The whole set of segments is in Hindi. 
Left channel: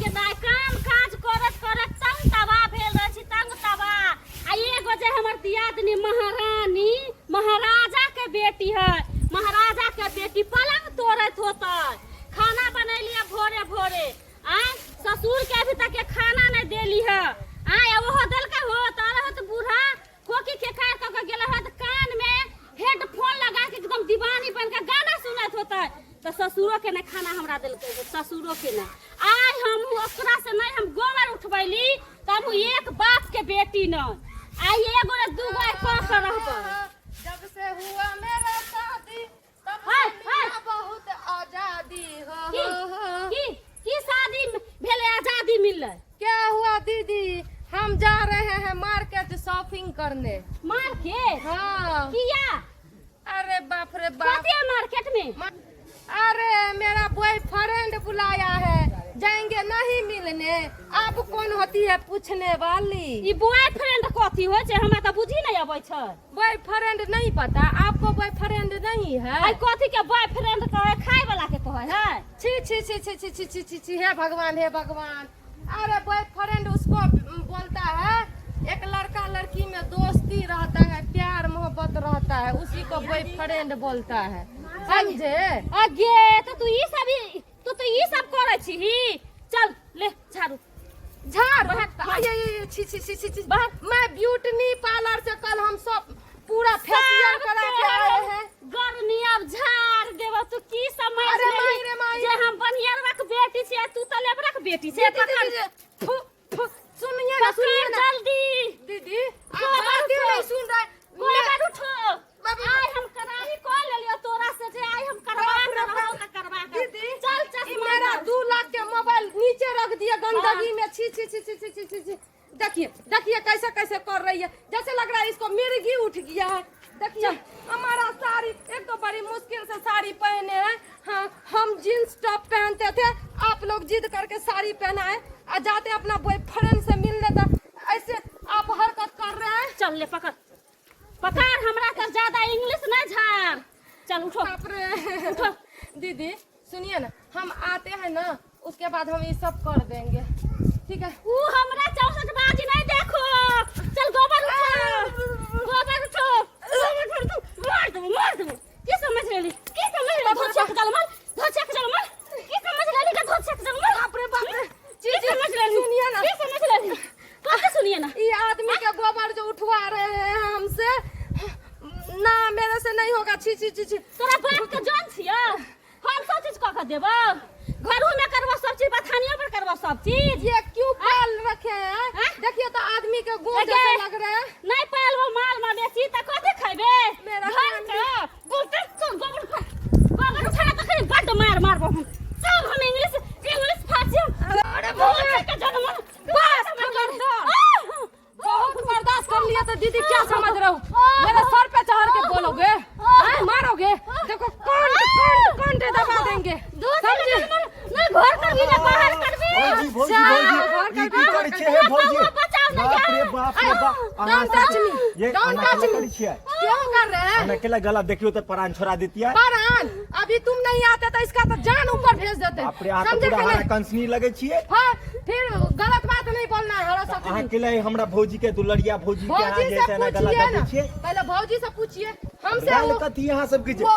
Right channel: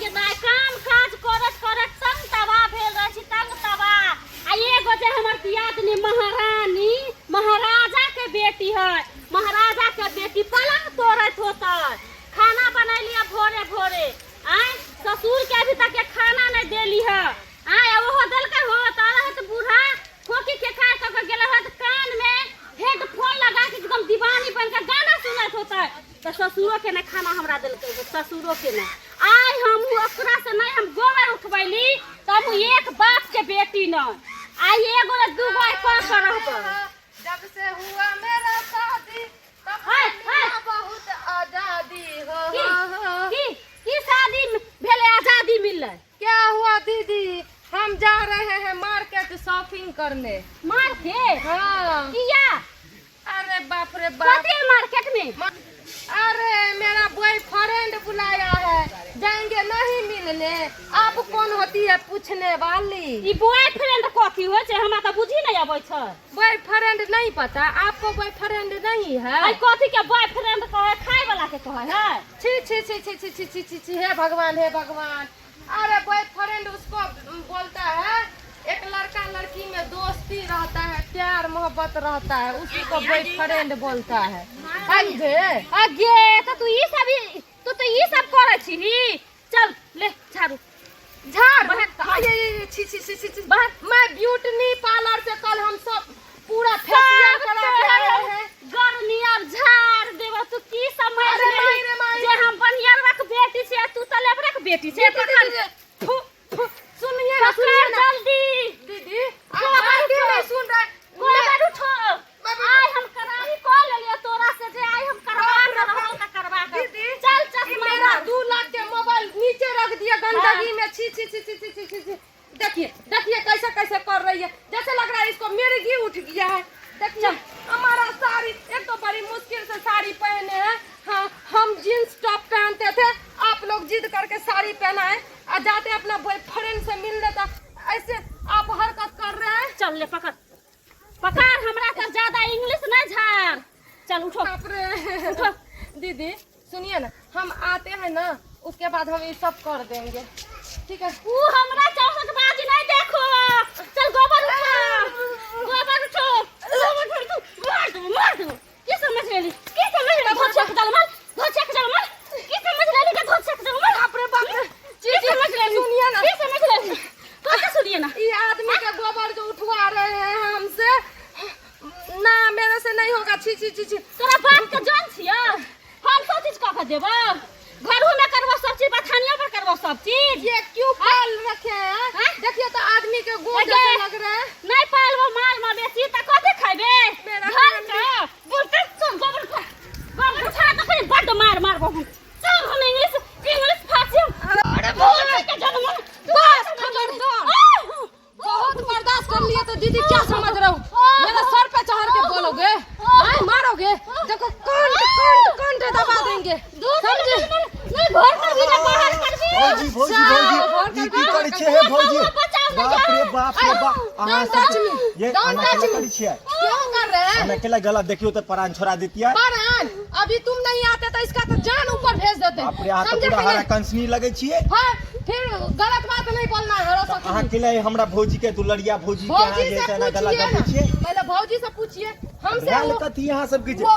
के दाय काम काज करत करत तंग तबा भेल रह छी तंग तबा आ एगो जे हमर दियादनी महारानी महाराजा के बेटी है महाराजा के बेटी पलंग तोड़त होता खाना बनैलिया भोरे भोरे आय ससुर के अभी तक खाना नहीं देली है आय ओहो देलकै हो तारहत बूढ़ा खोकी के खा के गेल है कान में हेडफोन लगा के एकदम दीवानी बन के गाना सुनत होता है तो ससुरो के ना खाना हमरा देलकै ससुरो के ना आय हम ओकरा से नहीं हम गोबर उठबैली तब एक बाप के बेटी न आय एगो ने दूगो आय पास रहब जब से हुआ मेरा शादी तब से बहुत आजादी हो की शादी भेले आजादी मिलले क्या हुआ दीदी हम जा रहे हैं मार्केट शॉपिंग करने मार्केट हाँ किया अरे बाप रे बाप कथी मार्केट में अरे मेरा बॉयफ्रेंड बुलाया है जाएंगे नहीं मिलने आप कौन होती है पूछने वाली ई बॉयफ्रेंड कथी हो छै हमरा त बुझी नहीं आबै छै बॉयफ्रेंड नहीं पता आपको बॉयफ्रेंड नहीं है आई कथी के बॉयफ्रेंड कहे खाए वाला के कहे है छी छी छी छी छी छी छी छी छी हे भगवान अरे बॉयफ्रेंड उसको बोलता है एक लड़का लड़की में दोस्ती रहता है प्यार मोहब्बत रहता है उसी को बॉयफ्रेंड बोलता है समझे अगे तो ई सब करे छी चल ले झाड़ू झाड़ ये छी छी छी छी मैं ब्यूटी पार्लर से कल हम सब पूरा फेशियल करा के आए हैं गर्मी अब झाड़ देबो तू की समझ जे हम बनियारवा के बेटी छै तू त लेबरा के बेटी छै सुनिए जल्दी दीदी आप क्यों नहीं सुन रहे गोबर उठो आय हम कराही कॉल लेलियो तोरा से जे आय हम करवा के चल चल मेरा 2 लाख के मोबाइल नीचे रख दिया गंदगी में छी छी छी छी छी छी छी देखिए कैसे कैसे कर रही है जैसे लग रहा है इसको मिर्गी उठ गया है देखिए हमारा साड़ी एक तो बड़ी मुश्किल से साड़ी पहने हैं हाँ हम जींस टॉप पहनते थे आप लोग जिद करके साड़ी पहनाए और जाते अपना बॉयफ्रेंड से मिलने तक ऐसे आप हरकत कर रहे हैं चल ले पकड़ हमरा से ज्यादा इंग्लिश नहीं झाड़ चल उठो उठो दीदी सुनिए ना हम आते हैं ना उसके बाद हम ये सब कर देंगे ठीक है तू हमरा चौसठ बाजी नहीं देखो चल गोबर उठो मार दो की समझ लेली धोछे के चल मार की समझ लेली के धोछे के चल मार बाप रे की समझ लेली सुनिए ना की समझ लेली कहाँ सुनिए ना ये आदमी का गोबर जो उठवा रहे हैं हमसे ना मेरे से नहीं होगा छी छी छी छी तोरा बाप के जान छिया हम सब चीज कह देबो घरों में करबो सब चीज बथानियों पर करबो सब चीज ये क्यों पाल रखे हैं देखिए तो आदमी के गोड़ जैसे लग रहे हैं नहीं पालबो माल मवेशी त कथि खाइबे मेरा घर के बोलते तो गोबर उठा तो फिर बड़ मारबो हम सब हम इंग्लिश फांसी अरे बोल के जन्म बस खबरदार बहुत बर्दाश्त कर लिया तो दीदी क्या समझ रहा हूँ मेरे सर पे चढ़ के बोलोगे मारोगे देखो कौन दबा देंगे समझे नहीं घर कर भी ना बाहर कर भी भौजी की करै छै हे भौजी बाप रे बाप अहाँ सब ये अना के करै छियै क्यों कर रहे हैं अना केला गला देखियो त परान छोड़ा देतिया परान अभी तुम नहीं आते तो इसका तो जान ऊपर भेज देते बाप रे आ त पूरा हरा कंसनी लगे छियै हां फिर गलत बात नहीं बोलना है हरा सब अहाँ केला हमरा भौजी के दुलड़िया भौजी के अहाँ जे छै ना गला दे छियै पहले भौजी से पूछिए हमसे गल कथि अहाँ सब के वो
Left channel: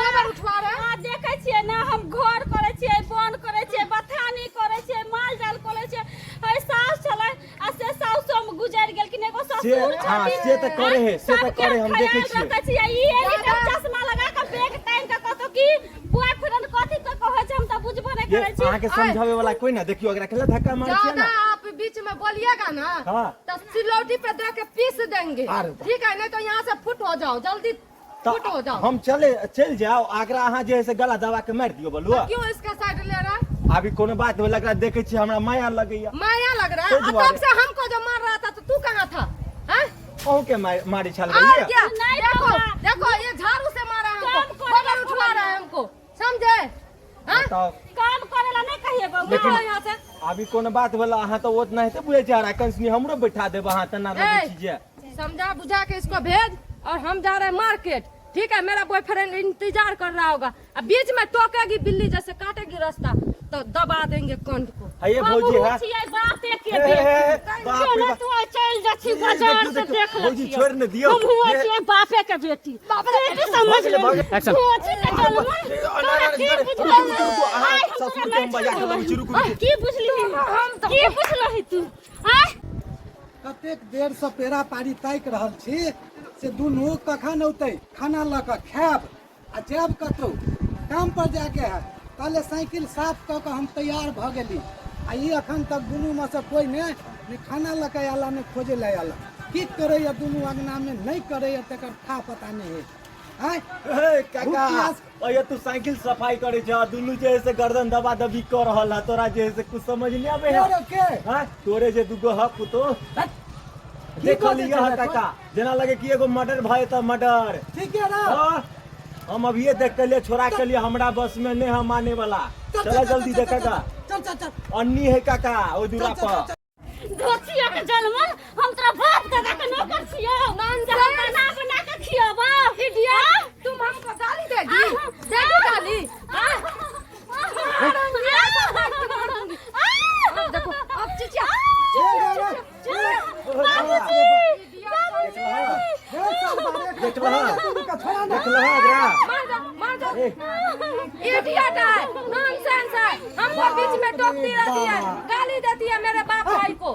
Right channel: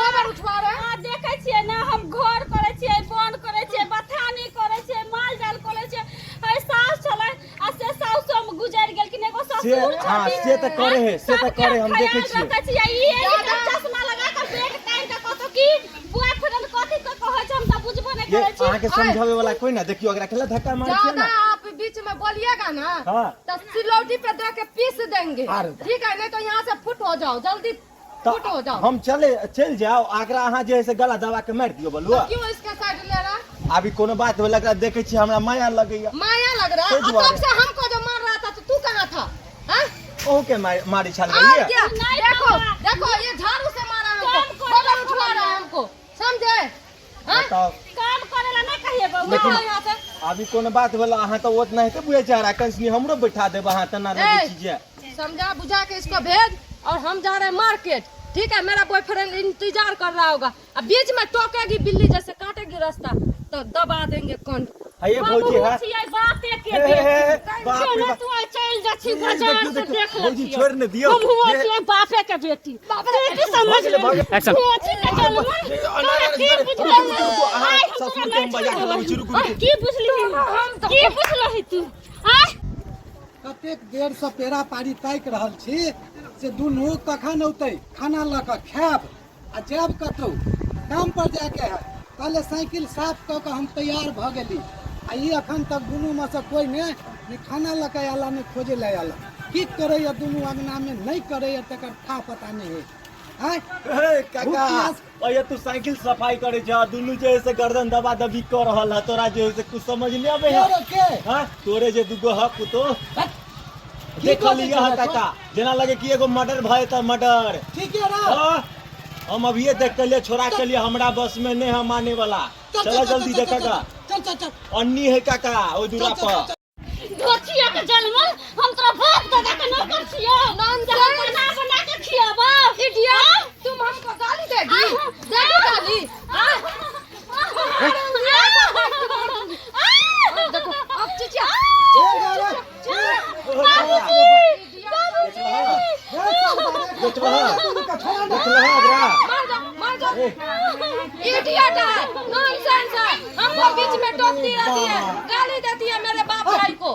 गोबर उठवा रहे हैं देखे छियै ना हम घर करे छियै बन करे छियै बथानी करे छियै माल जाल करे छियै है सास चले आ से सास हम गुजर गेल कि एगो ससुर हां से त करे है से त करे हम देखे छियै ई चश्मा लगा के बैग टाइम का कतो की बॉयफ्रेंड कथि तो कहै छै हम त बुझबो नहीं ये करे छी अहाँ के समझावे वाला कोई ना देखियो अगर केला धक्का मार छियै ज्यादा ना आप बीच में बोलिएगा ना हां तो सिलौटी पे दे के पीस देंगे अरे ठीक है नहीं तो यहाँ से फुट हो जाओ जल्दी फुट हो जाओ हम चल जाओ आगरा अहाँ जे है से गला दबा के मार दियो बोलुआ क्यों इसका साइड ले रहा है अभी कोनो बात होला एकरा देखे छी हमरा माया लगैया माया लग रहा है तब से हमको जो मार रहा था तो तू कहाँ था हैं ओह के मारी छाल और गई क्या नहीं देखो बाबा। देखो ये झाड़ू से मारा हमको काम गोबर उठवा रहा है हमको समझे हैं बताओ काम करेला नहीं कहिए गो लेकिन यहाँ से अभी कोनो बात होला अहाँ तो ओत नहीं तो बुझे जा रहा कंसनी हमरो बैठा देब अहाँ तना रहे चीज समझा बुझा के इसको भेज और हम जा रहे हैं मार्केट ठीक है, मेरा बॉयफ्रेंड इंतजार कर रहा होगा। अब बीच में टोकेगी बिल्ली जैसे काटेगी रास्ता तो दबा देंगे कंठ को। है ये भौजी है बाते के हे, हे, हे, बाप रे चलो बाप। तू चल जाछी बाजार से देख भौजी ले छोड़ ने दियो हम हुआ छियै बापे के बेटी बेटी समझ ले एक्शन। की बुझली की बुझलही तू आय कतेक देर से पेड़ा पारी ताकि रहल छी से दुनू कखन औतै खाना लऽ कऽ खायब आ जायब कतौ काम पर जाके है। पहले साइकिल साफ कऽ के हम तैयार भऽ गेली आ ई अखन तक दुनू में से कोई ने खाना लऽ के आला ने खोजे ले आला। की करैया दुनू अंगना में नहीं करैया तकर था पता नहीं है। आय काका ये तू साइकिल सफाई करे जा दुनू जे है से गर्दन दबा दबी कर रहल है तोरा जे है से कुछ समझ नहीं आवे है के हां तोरे जे दुगो ह पुतो देख लिया है काका जना लगे कि एगो मर्डर भय त मर्डर ठीक है ना। हाँ, हम अभी ये देख के लिए छोड़ा के लिए हमरा बस में नहीं हम आने वाला। चला जल्दी देखेगा चल चल चल अन्नी है काका ओ दूरा पर धोतिया के जलमल हम तोरा बाप दादा के नौकर छियो बना बना के खियाबा इडियट, तुम हमको गाली देगी? देगी गाली? देखो अब चिचिया देख रहा मार दो इडियट है, नॉनसेंस है, हमको बीच में टोकती रहती है, गाली देती है मेरे बाप भाई को।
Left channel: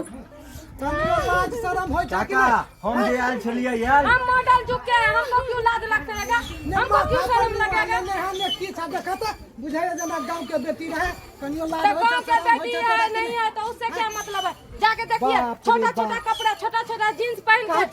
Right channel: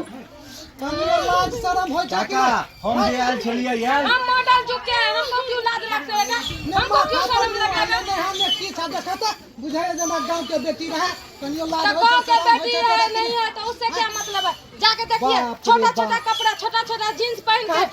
कनियो लाज शरम हो काका हम जे आयल छलिए यार हम मॉडल चुके हैं, हमको क्यों लाज लगेगा? हमको क्यों शर्म लगेगा? हमने की था देखा बुझाया जना गांव के बेटी रहे कनियो लाज तो गाँव के बेटी है नहीं है तो उससे क्या मतलब है? जाके देखिए छोटा छोटा कपड़ा छोटा छोटा जींस पहन के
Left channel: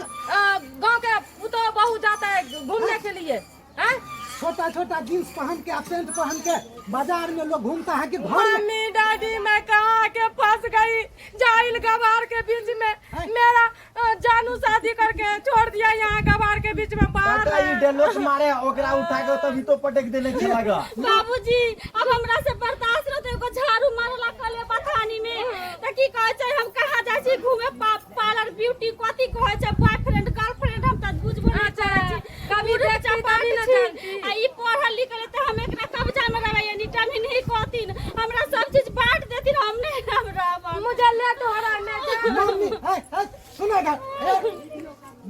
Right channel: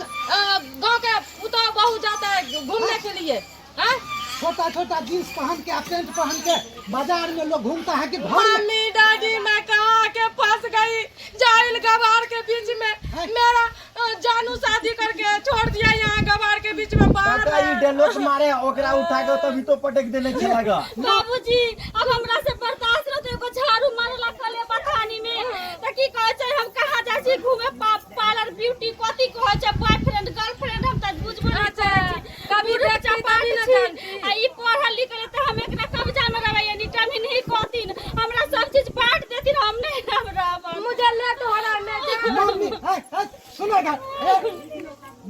गाँव के उतो बहू जाता है घूमने के लिए। हैं? छोटा छोटा जींस पहन के पेंट पहन के बाजार में लोग घूमता है कि घर में। मम्मी डैडी मैं कहाँ के फंस गई जाहिल गवार के बीच में। मेरा जानू शादी करके छोड़ दिया यहाँ गवार के बीच में। काका ये डेलोस मारे ओकरा उठा के तभी तो पटक देने चलेगा। बाबूजी अब हमरा से बर्दाश्त रहते को झाड़ू मारला कले बथानी में त की कहै छै हम कहाँ जाइ छी घूमे पार्लर ब्यूटी कथी कहै छै बॉयफ्रेंड गर्लफ्रेंड हम त बुझबो नहीं करै छी कभी बेचा पानी छी आ ई पढ़ल लिखल त हम एकरा कब्जा में रहबै यानी टाइम नहीं कहतिन हमरा सब चीज बांट देतिन हम नहीं हमरा मुझे ले तो हरा में मम्मी सुनेगा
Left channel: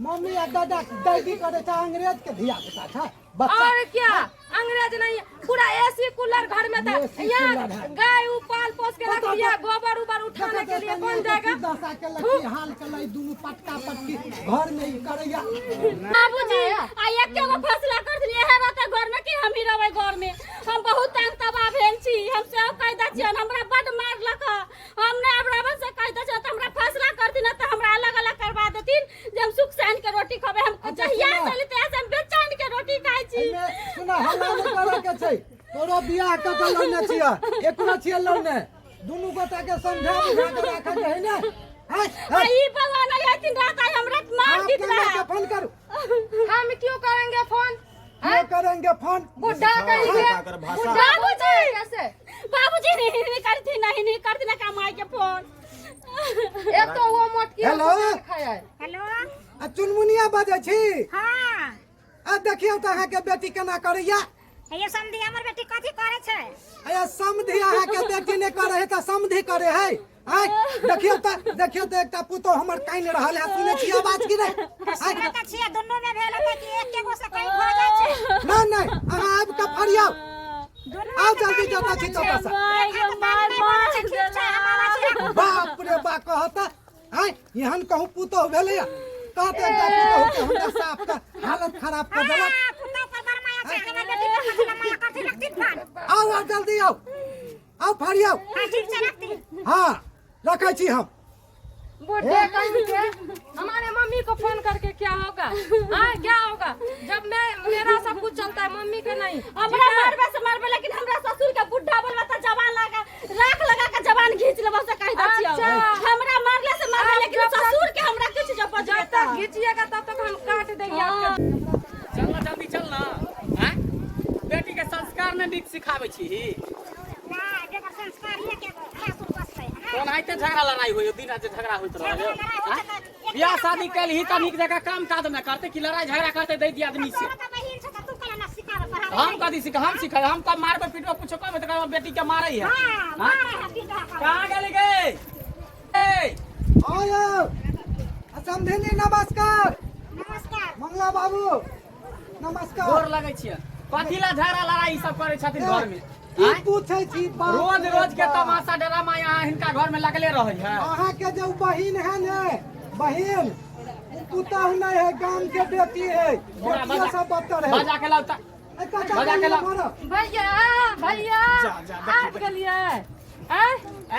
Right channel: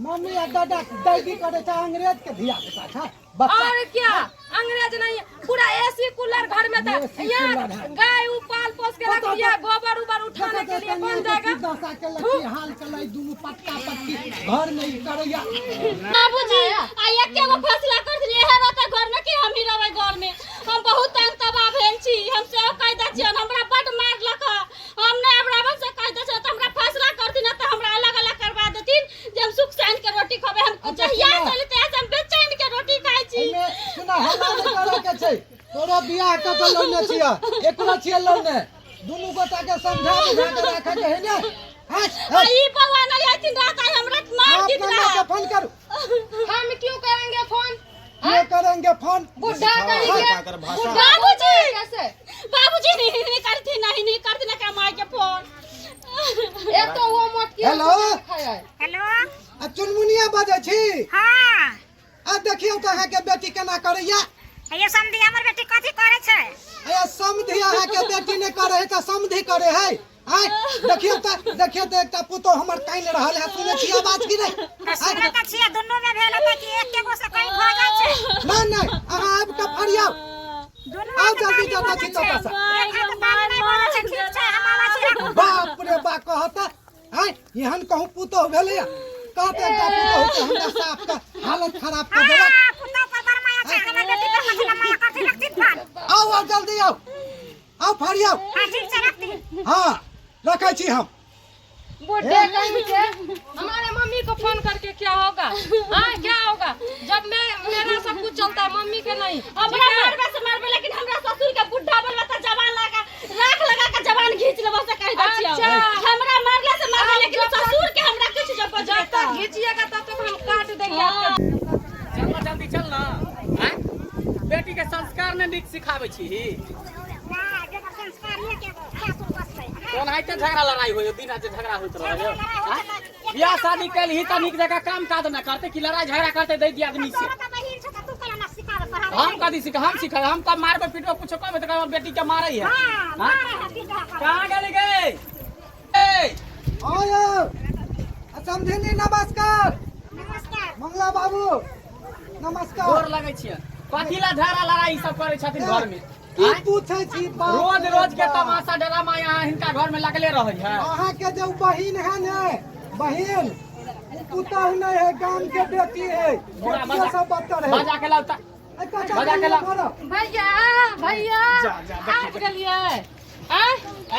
मम्मी या दादा दादी करे था अंग्रेज के धिया पुता था बच्चा। और क्या अंग्रेज नहीं है, पूरा एसी कूलर घर में था। यहाँ गाय पाल पोस के रख दिया, गोबर उबर उठाने के लिए बन जाएगा। दशा के लड़की हाल के लाई दोनों पटका पटकी घर में ही करैया। बाबूजी आ एके गो फैसला कर दिए है रहता घर में कि हम ही रहबै घर में। हम बहुत तंग तबाह भेल छी, हम सब कायदा छी, हमरा बड मार लख। हम ने बराबर से कायदा छ त हमरा फैसला कर दिन त हमरा अलग अलग करवा देतिन जे हम सुख सैन के रोटी खाबे। हम जहिया चलते हम बेचैन के रोटी खाइ छी। सुना हल्ला नहीं करे के छै तोरो बियाह क के लौने छिया एकरा छिया लौने दुनू गोटा के समझा बुझा के राखे के है ने। हैं ई बउआ नहीं आइतिन रात आई हमरा मार दी आप फोन करो। हम क्यों करेंगे फोन? ये करेंगे फोन बुढ़ा करेंगे बाबूजी कैसे? बाबूजी नहीं करती ना कमाई के फोन। एक तो वो मोट की हेलो खाया है। हेलो चुनमुनिया बाजे छी। हां आ देखियो कहाँ के बेटी केना करैया। ये समधी हमर बेटी कथी करे छै? अरे समधी अहाँ के बेटी ने करे है त समधी करे है। आय देखियो त एकटा पुतो हमर काइन रहल है सुने छी आवाज की नहीं? सुने त छियै दुन्नु में भेल त कि एके गो से कहीं भ जाय छै। नहीं अहाँ आब के फरियाओ दुन्नु आओ जल्दी जल्दी छी तो पसा एक हाथ बात नहीं बोले छै ठीक छै हम आवा छी। बाप रे बा कहता आय यहन कहूं पुतो भेलैया कहते एकटा पुतो के हमरा साफ का हालत खराब कर देलक। पुतो पर बरमाया छै हमर बेटी पर मतलब माया कथी लगती फोन। आओ जल्दी आओ फरियाओ। हां ठीक छै रखती। हाँ रखे छी हम। बुढ़े कहीं के हमारे मम्मी को फोन करके क्या होगा? हाँ क्या होगा जब मेरा सब कुछ चलता है मम्मी के नहीं। हमरा मारबे लेकिन हमरा ससुर के बुढ़ा बोलबा त जवान लगा के जवान खींच लेबो से कहि द छियो। अच्छा। हमरा मारले से मारबे लेकिन ससुर के हमरा कुछ जब जब तक खींचिएगा तब तक हम काट देंगे आपका। चल जल्दी चल ना। हैं? बेटी के संस्कार में नीक सिखावे छी। कौन है के झगड़ा लड़ाई होय दिन आज झगड़ा होइत रहे। बियाह शादी कैल ही त नीक जगह काम काज न करते कि लड़ाई झगड़ा करते दे दिया आदमी से। हम कदी सिखा हम सिखा हम कब मारबे पीटबे पूछो कब त हमर बेटी के मारै है कहां गेली गे ए आओ समझेनी नमस्कार नमस्कार मंगला बाबू नमस्कार गोर लगै छियै कथिला झगड़ा लड़ाई सब करे छथिन घर में की पूछे छी बाप रोज रे रोज के बाप। तमाशा ड्रामा यहाँ हिनका घर में लगले रहै है अहाँ के जो बहिन है ने बहिन पुतहु नहीं है गांव के बेटी है बड़ा बेटिया सब बत्तर है बजा के लाता बजा के ला भैया भैया जा, जा, देखिए, आबि गेलियै आय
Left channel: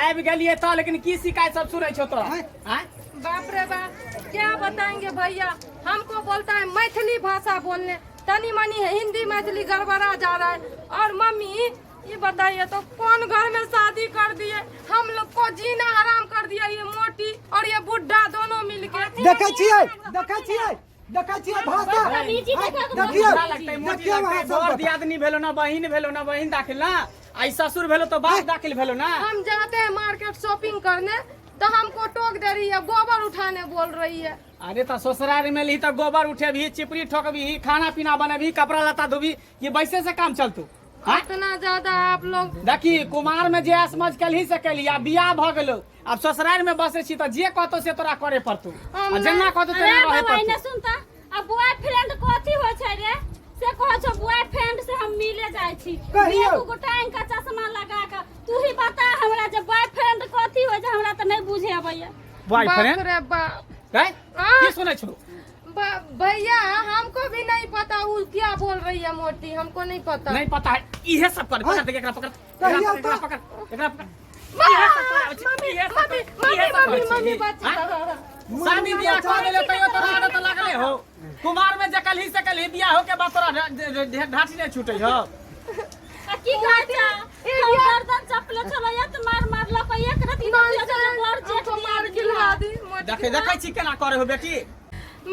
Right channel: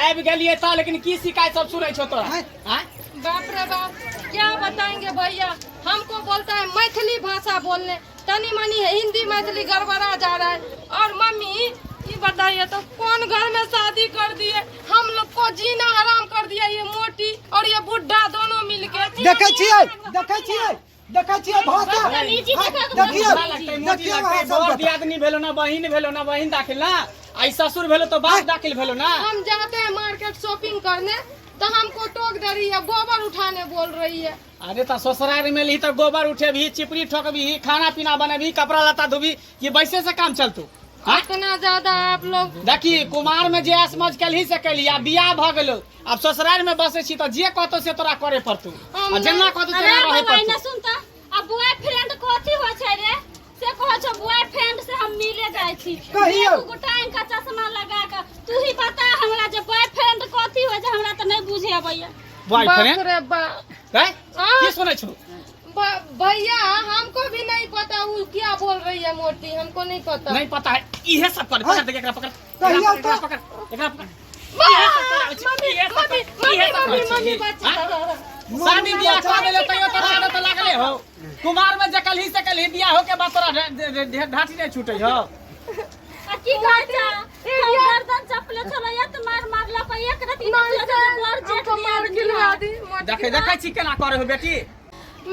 आबि गेलिए त लेकिन की शिकायत सब सुनै छौ तोरा हैं? हैं बाप रे बाप क्या बताएंगे भैया हमको बोलता है मैथिली भाषा बोलने तनी मनी हिंदी मैथिली गड़बड़ा जा रहा है और मम्मी ये बताइए तो कौन घर में शादी कर दिए हम लोग को जीना हराम कर दिया ये मोटी और ये बुढ़ा दोनों मिलके देखे छियै भाषा देखिए अच्छा लगतै मोटी लगतै बर दियादनी भेलो ना बहिन दाखिल ना आई ससुर भेलो तो बाप दाखिल भेलो ना हम जाते हैं मार्केट शॉपिंग करने तो हमको टोक दे रही है गोबर उठाने बोल रही है अरे तो ससुराल में ली तो गोबर उठे भी चिपरी ठोक भी खाना पीना बने भी कपड़ा लता धोबी ये वैसे से काम चलतू इतना ज्यादा आप लोग देखी कुमार में जे समझ के ही से कैली आ बियाह भ गेलो अब ससुराल में बसे छी तो जे कहतो से तोरा करे पड़तू आ जेना कहतो तेना रहे पड़तू सुन त अब बॉयफ्रेंड कथी होय छै रे से कहै छ बॉयफ्रेंड से हम मिले जाय छी कहियो। एगो टाइम का चश्मा लगा के तू ही बता हमरा जे बॉयफ्रेंड कथी होय छै हमरा त नहीं बुझे आबैया बॉयफ्रेंड बाप रे बाप है हाँ। की सुनै छौ भैया हमको भी नहीं पता वो क्या बोल रही है मोटी हमको नहीं पता नहीं पता है इहे सब कर पकड़ देख एकरा पकड़ कहियो एकरा तो। पकड़ एकरा पकड़ मम्मी शादी बियाह कर देले तैयो तोरा आदत लागले हो कुमार में जकल ही सकल ही बियाह हो के बाद तोरा ढाठी नहीं छूटे हो की कहै छ हम गर्दन चपले छलैया त मार मारला पे एक रति बर जेठ गिरा दी देखे छी केना करे हो बेटी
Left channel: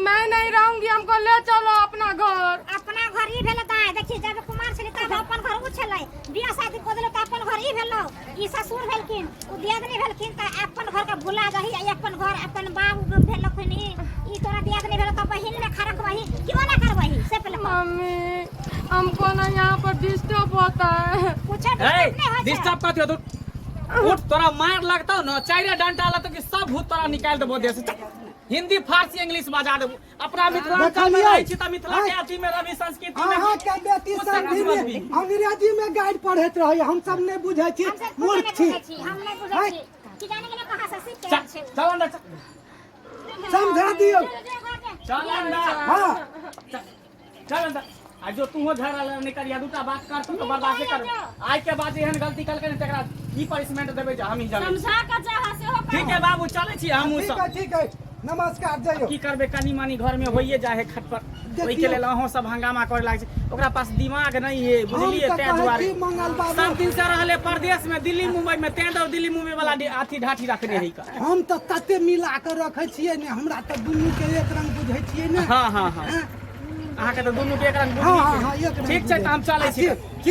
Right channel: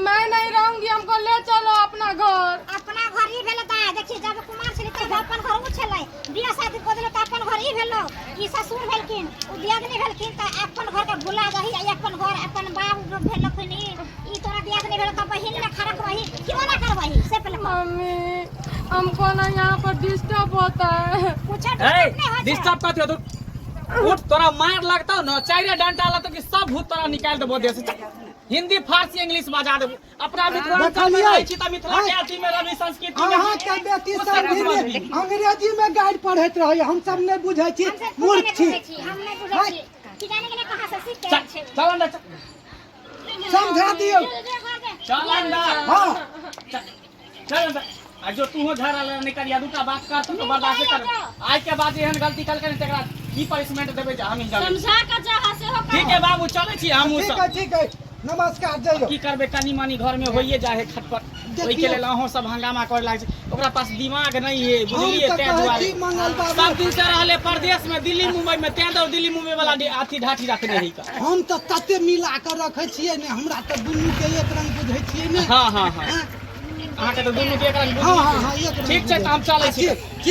मैं नहीं रहूंगी हमको ले चलो अपना घर अपना घर ही भेलो ता देखी जब कुमार छली त अपन घर उ छलै बियाह शादी को देलो त अपन घर ही भेलो ई ससुर भेलखिन उ दियादनी भेलखिन त अपन घर के भुला दही अपन घर अपन बाबू भेलखिन ई तोरा दियादनी भेलो त बहिन ने खरक वही क्यों ना करवही से पहले मम्मी हमको ना यहाँ पर डिस्टर्ब होता है पूछे डिस्टर्ब करती हो तू उठ तोरा मार लगता हो ना चाइरे डंडा ला तो कि सब भूत तोरा निकाल देबो देश से हिंदी फारसी इंग्लिश बजा देबो अपना मिथिलांचल में रहै छी त मिथिला के अथी में रवि संस्कृति में अहाँ के बेटी कुछ सब समझ भी नहीं। अंग्रेजी में गाइड पढ़ैत रहै हम सब नहीं बुझै छी मूर्ख छी हम नहीं बुझै छी कि जाने के कहां से सीख के चल छै चल अंदर समझा दियो चल अंदर हाँ चल अंदर आ जो तू हो झगड़ा नहीं करिया दूटा बात कर तो बर्दाश्त कर आज के बाद एहन गलती कल के तेकरा की पनिशमेंट देबे जा हम ही जाने समझा के जहां से हो ठीक है बाबू चले छी हमहू सब ठीक है नमस्कार जइयो की करबे कनी मानी घर में होइए जाए खटपट ओइ के लेल अहो सब हंगामा करे लाग छै ओकरा पास दिमाग नहीं है बुझलिए ते दुआरे मंगल बाबू सब दिन से रहले परदेश में दिल्ली मुंबई में ते दर दिल्ली मुंबई वाला अथी ढाठी रखने है का हम तो तते मिला कर रखे छियै ने हमरा तो दुनू के एक रंग बुझै छियै ने हां हां हां हैं? अहाँ के तो दोनों के एक रंग हाँ हाँ बुझलिए हाँ एक रंग ठीक छै त हम चलै छी ठीक